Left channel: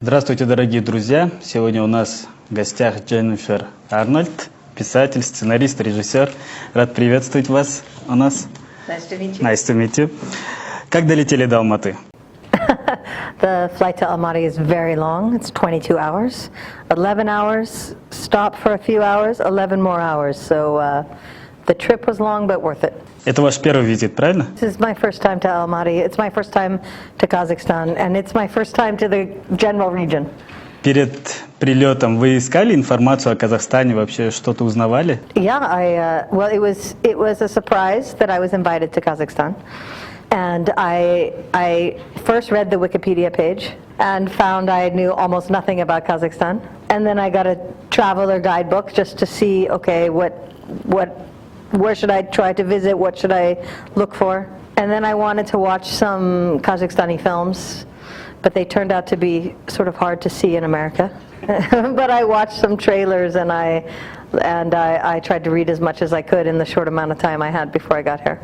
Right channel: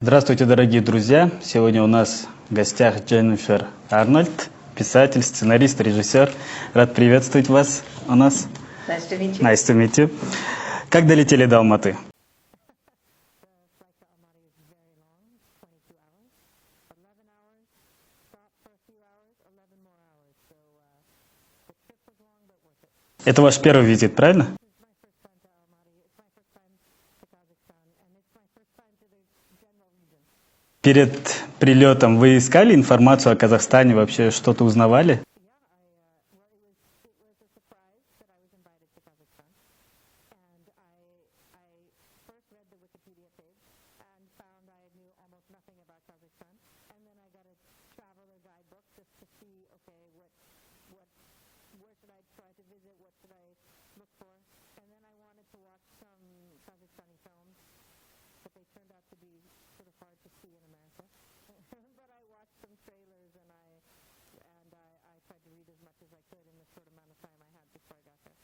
Здравствуйте, дорогие друзья! Сегодня у нас в гостях Дженнифер Арнольд, писатель, сценарист, режиссер. Рад приветствовать вас у нас. Nice to meet you. Nice to meet you. Как долетели до Алматы? The flight to Almaty is very long. It's 22 hours. 11 hours, stop for a few hours, 11 more hours. So the trip was long, but worth it. Это ваш первый визит, правильно? This is my first time to Almaty. It's my first time to Kazakhstan, and it's my first time to the general region. Перед прилетом вы искали информацию о Казахстане, вообще что-то узнавали? Yeah, well, it was a surprise that I was invited to Kazakhstan. And I first read the Wikipedia page and found I knew almost nothing about Kazakhstan. And then I got a traveler guidebook just to see, okay, where should I try to visit? What should I look for? And then I wanted to watch some Kazakhstani films, but they turned out to be sort of hard to see in America. But I watched some trailers and I tried to read as much as I could in the short amount of time I had before I got here.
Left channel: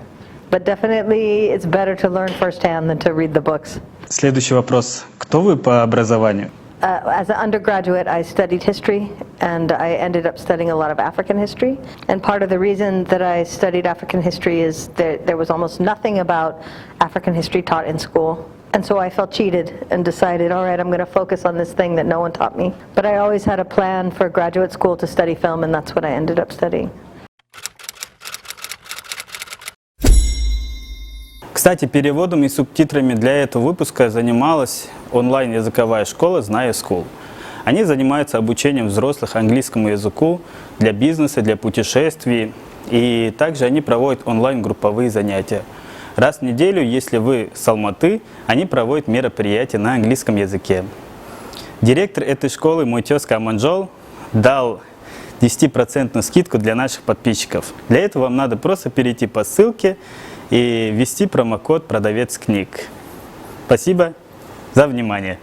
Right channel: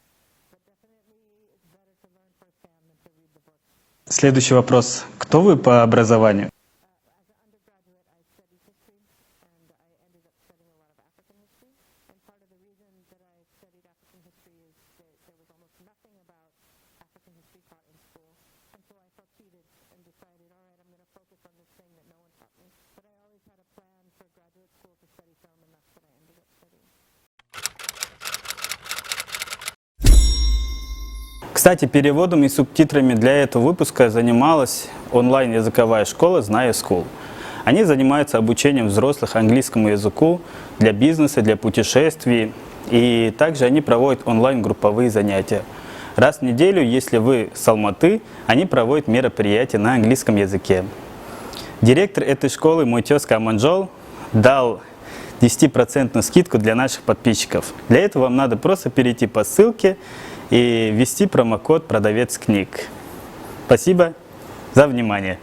But definitely it's better to learn firsthand than to read the books. Следующий вопрос. Кто вы по образованию? As an undergraduate, I studied history, and I ended up studying a lot of African history. And part of the reason that I studied African history is that there was almost nothing about African history taught in school. And so I felt cheated and decided, all right, I'm going to focus on this thing that no one taught me. But I always had a plan for graduate school to study film, and that's what I ended up studying. Кстати, переводом и субтитрами для этого выпуска занималась онлайн-языковая школа «Знаю School». Они занимаются обучением взрослых английскому языку для бизнеса, для путешествий. И также они проводят онлайн-групповые занятия. Раз в неделю, если вы с Алматы, они проводят мероприятия на английском языке. Директор этой школы, мой тезка Аманжол, дал 10% скидку для наших подписчиков. Для этого вам надо просто перейти по ссылке и ввести промокод «Продавец книг». Спасибо за внимание.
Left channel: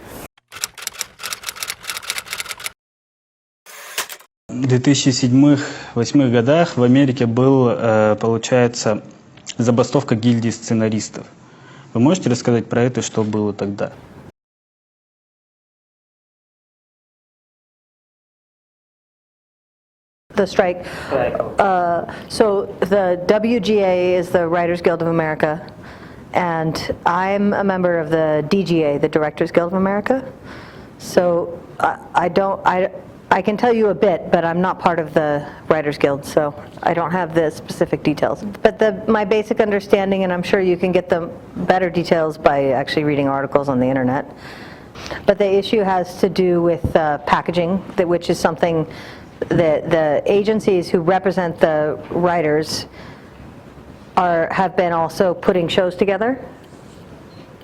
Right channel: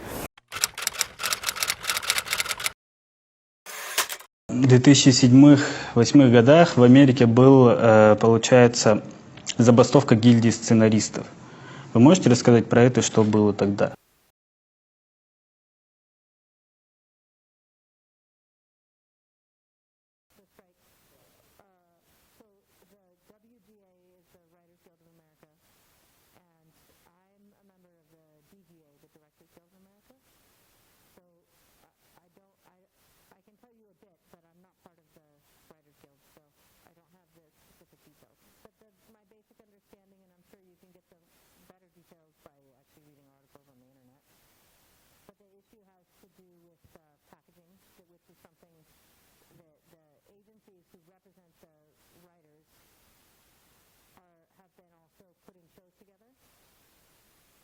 В 2007-2008 годах в Америке был, получается, забастовка гильдии сценаристов. Вы можете рассказать про это, что было тогда? The strike. So the WGA is the Writers Guild of America, and I'm a member of the DGA, the Directors Guild of America. So I can tell you a bit, but I'm not part of the Writers Guild, so I don't have the specific details. But my basic understanding, and I'm sure you can get the better details by actually reading articles on the internet, but the issue has to do with packaging, which is something the agencies who represent the writers have been also putting shows together.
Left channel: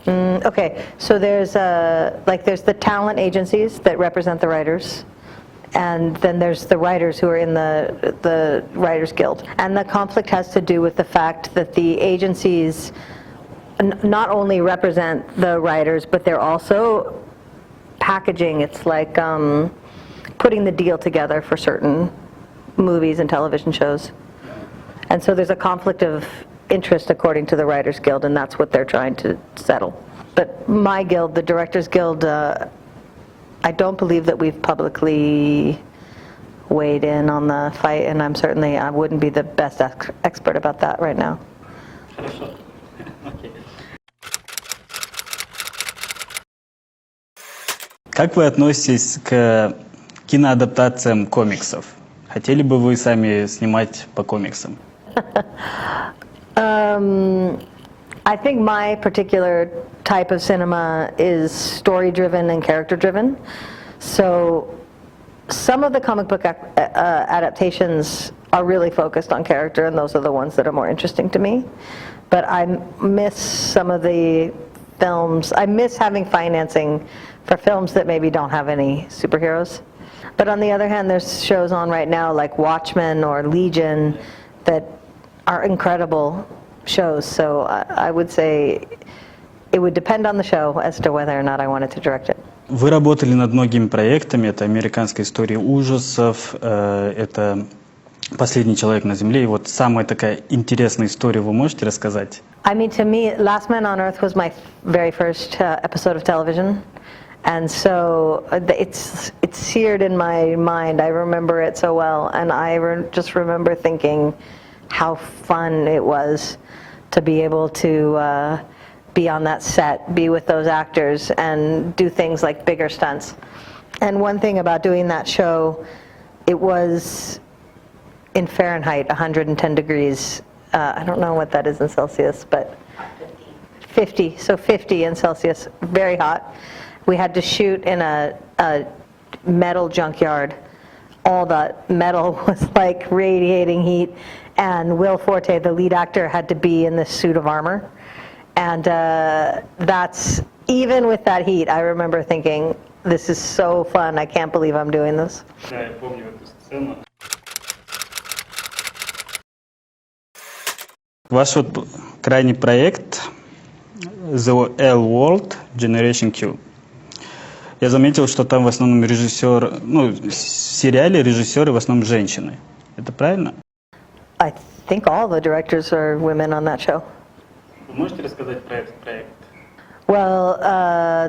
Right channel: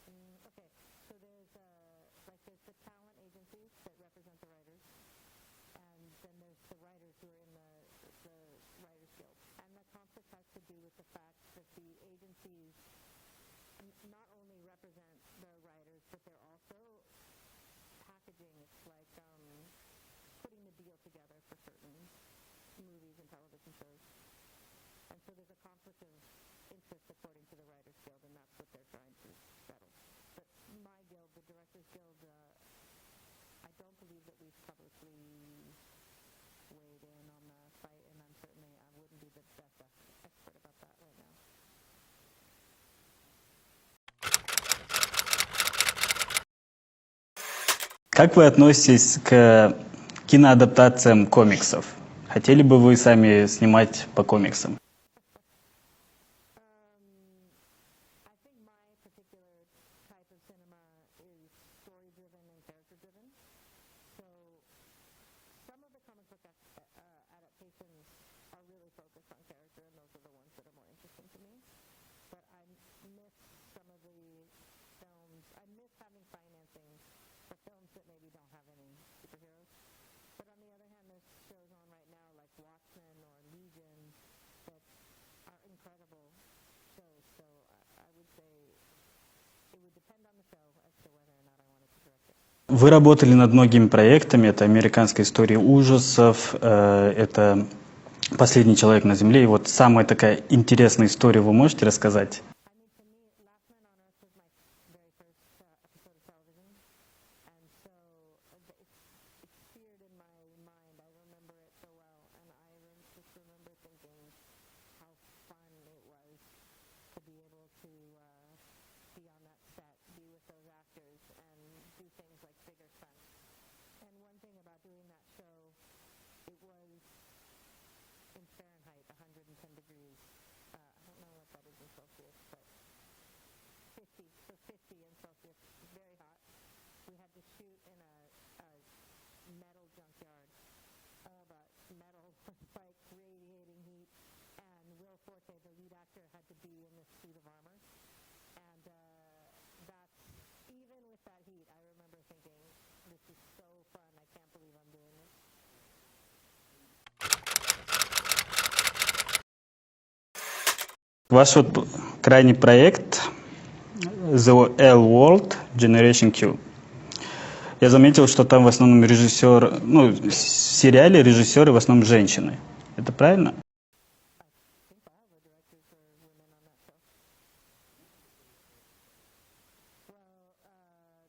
Okay, so there's the talent agencies that represent the writers, and then there's the writers who are in the Writers Guild. And the conflict has to do with the fact that the agencies not only represent the writers, but they're also packaging. It's like putting the deal together for certain movies and television shows. And so there's a conflict of interest according to the Writers Guild, and that's what they're trying to settle. But my guild, the Directors Guild, I don't believe that we've publicly weighed in on the fight, and I wouldn't be the best expert about that right now. Как вы относитесь к киноадаптациям комиксов? Хотели бы вы сами снимать по комиксам? I think my particular type of cinema is story-driven and character-driven. So some of the comic book adaptations are really focused on character, and those are the ones that are more interesting to me. But I miss some of the films. I miss having financing for films that maybe don't have any superheroes. But on the other hand, there's shows on right now like Watchmen or Legion that are incredible shows. So I would say it would depend on the show as to whether or not I wanted to direct it. Вы работали над многими проектами. Это «Американская история ужасов», это «Последний человек на Земле». И вот самая такая интересная история вы можете рассказать? I mean, to me, Last Man on Earth was my very first episode of television. And so it's seared in my mind. I remember it so well, and I just remember thinking how fun it was to be able to be on that set, be with those actors, and do things like bigger stunts. And one thing about doing that show, it was in Fahrenheit, 110 degrees. I don't know what that is in Celsius, but 50, so 50 in Celsius, very hot. We had to shoot in a metal junkyard. All the metal was like radiating heat, and Will Forte, the lead actor, had to be in this suit of armor. And that's, even with that heat, I remember thinking, this is so fun, I can't believe I'm doing this. Да, я помню эту сцену. Ваш вот крайний проект The L World Generation Q. Я заметил, что там в основном режиссер, ну, в сериале режиссеры в основном женщины. Это правильно? I think all the directors are women on that show. Вы можете рассказать про этот проект? Well,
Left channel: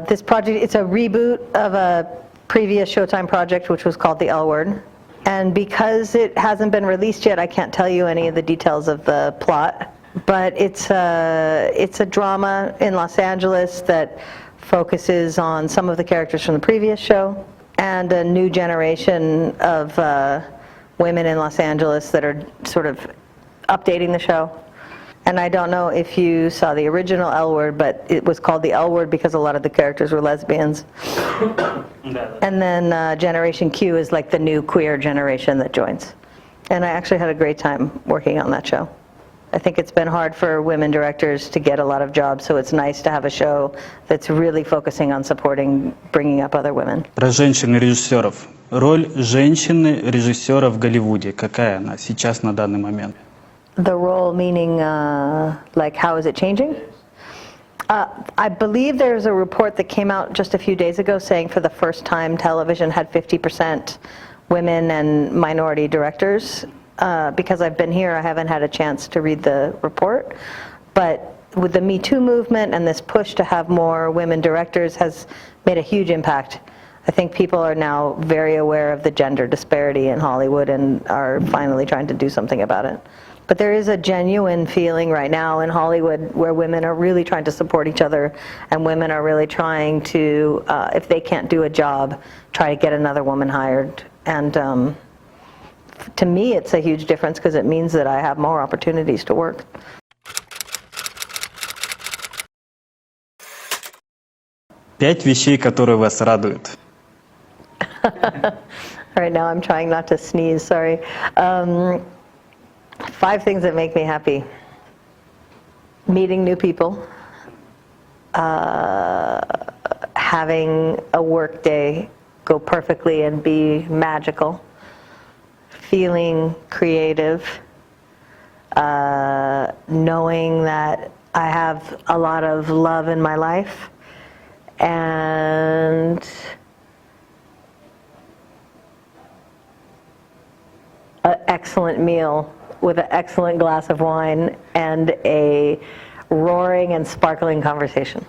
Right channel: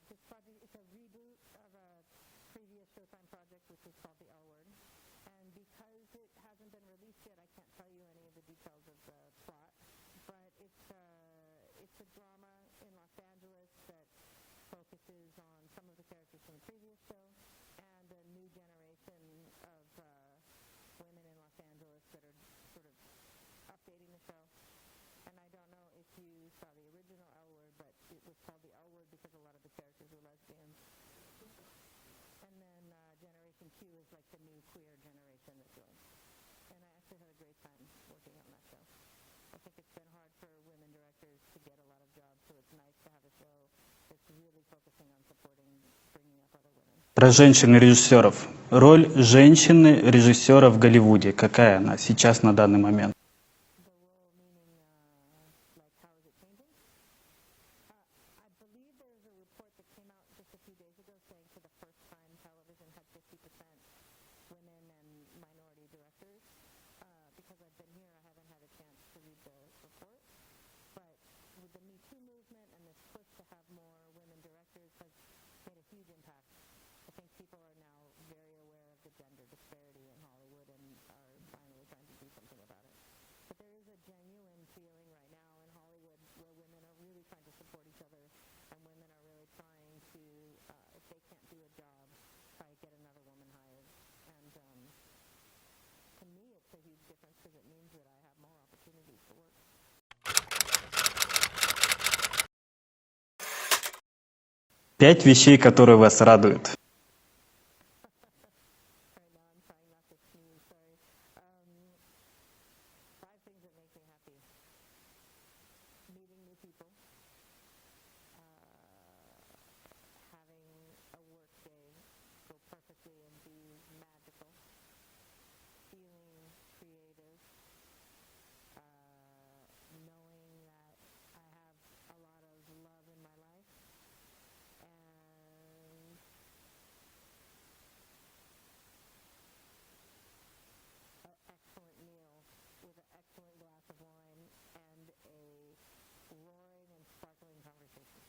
this project, it's a reboot of a previous Showtime project, which was called The L Word. And because it hasn't been released yet, I can't tell you any of the details of the plot. But it's a drama in Los Angeles that focuses on some of the characters from the previous show and a new generation of women in Los Angeles that are sort of updating the show. And I don't know if you saw the original L Word, but it was called the L Word because a lot of the characters were lesbians. And then Generation Q is like the new queer generation that joins. And I actually had a great time working on that show. I think it's been hard for women directors to get a lot of jobs, so it's nice to have a show that's really focusing on supporting, bringing up other women. Про женщин-режиссеров. Роль женщины-режиссера в Голливуде. Какая она сейчас на данный момент? The role meaning, like, how is it changing? I believe there's a report that came out just a few days ago saying for the first time television had 50% women and minority directors. Because I've been here, I haven't had a chance to read the report. But with the Me Too movement and this push to have more women directors has made a huge impact. I think people are now very aware of the gender disparity in Hollywood and are finally trying to do something about it. But there is a genuine feeling right now in Hollywood where women are really trying to support each other, and women are really trying to, if they can't do a job, try to get another woman hired. And to me, it's a huge difference because it means that I have more opportunities to work. Пять вещей, которые вас радуют. Right now I'm trying not to sneeze, sorry. 5 things that make me happy. Meeting new people. Having a work day go perfectly and be magical. Feeling creative. Knowing that I have a lot of love in my life. And an excellent meal with an excellent glass of wine and a roaring and sparkling conversation.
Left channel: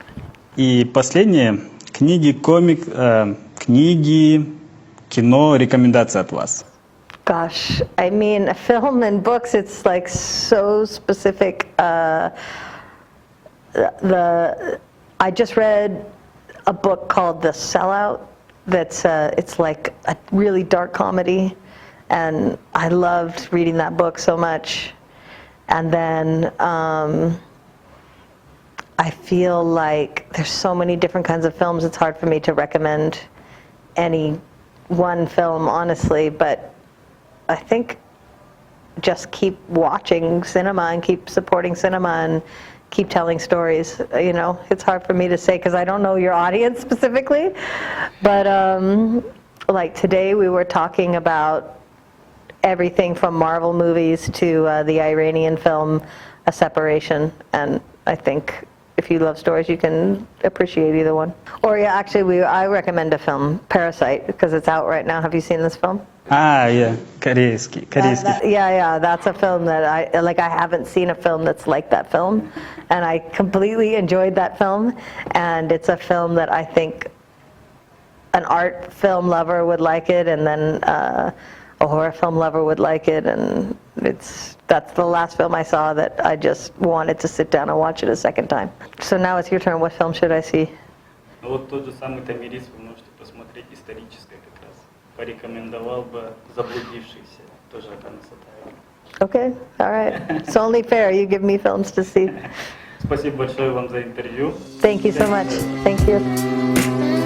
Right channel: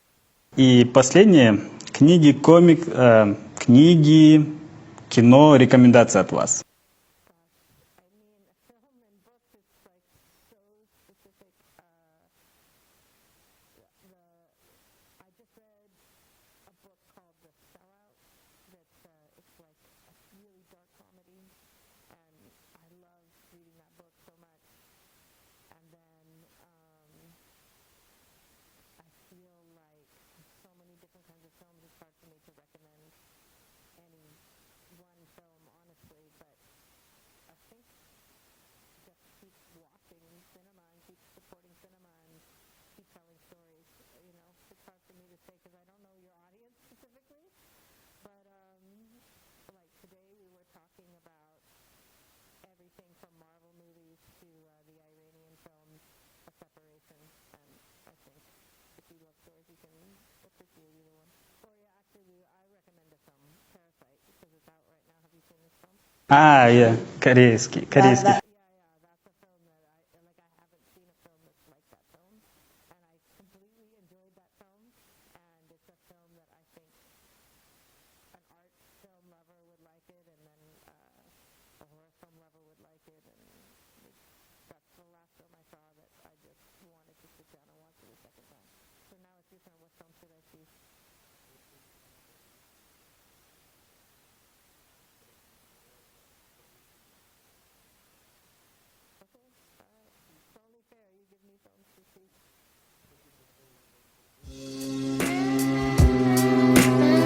И последнее. Книги, книги, кино, рекомендации от вас. Gosh, I mean, film and books, it's like so specific. I just read a book called The Sellout. That's it's like a really dark comedy. And I loved reading that book so much. And then I feel like there's so many different kinds of films, it's hard for me to recommend any one film, honestly, but I think just keep watching cinema and keep supporting cinema and keep telling stories. You know, it's hard for me to say because I don't know your audience specifically, but like today we were talking about everything from Marvel movies to the Iranian film A Separation, and I think if you love stories you can appreciate either one. Or yeah, actually I recommend a film, Parasite, because it's out right now. Have you seen this film? Yeah, корейский. Yeah, that's a film that I haven't seen a film that's like that film, and I completely enjoyed that film, and it's a film that I think an art film lover would like it, and then a horror film lover would like it, and that's the last film I saw that I just wanted to sit down and watch it a second time. So now it's your turn. What film should I see? Ну вот тот же самый «Томирис» вы можете посмотреть, историческое как раз. Порекомендовал бы «Заблудившийся», тоже Акана Сатаева. Okay, all right. It's only fair you give me films to see. Спасибо большое вам за интервью. Thank you so much. Thank you.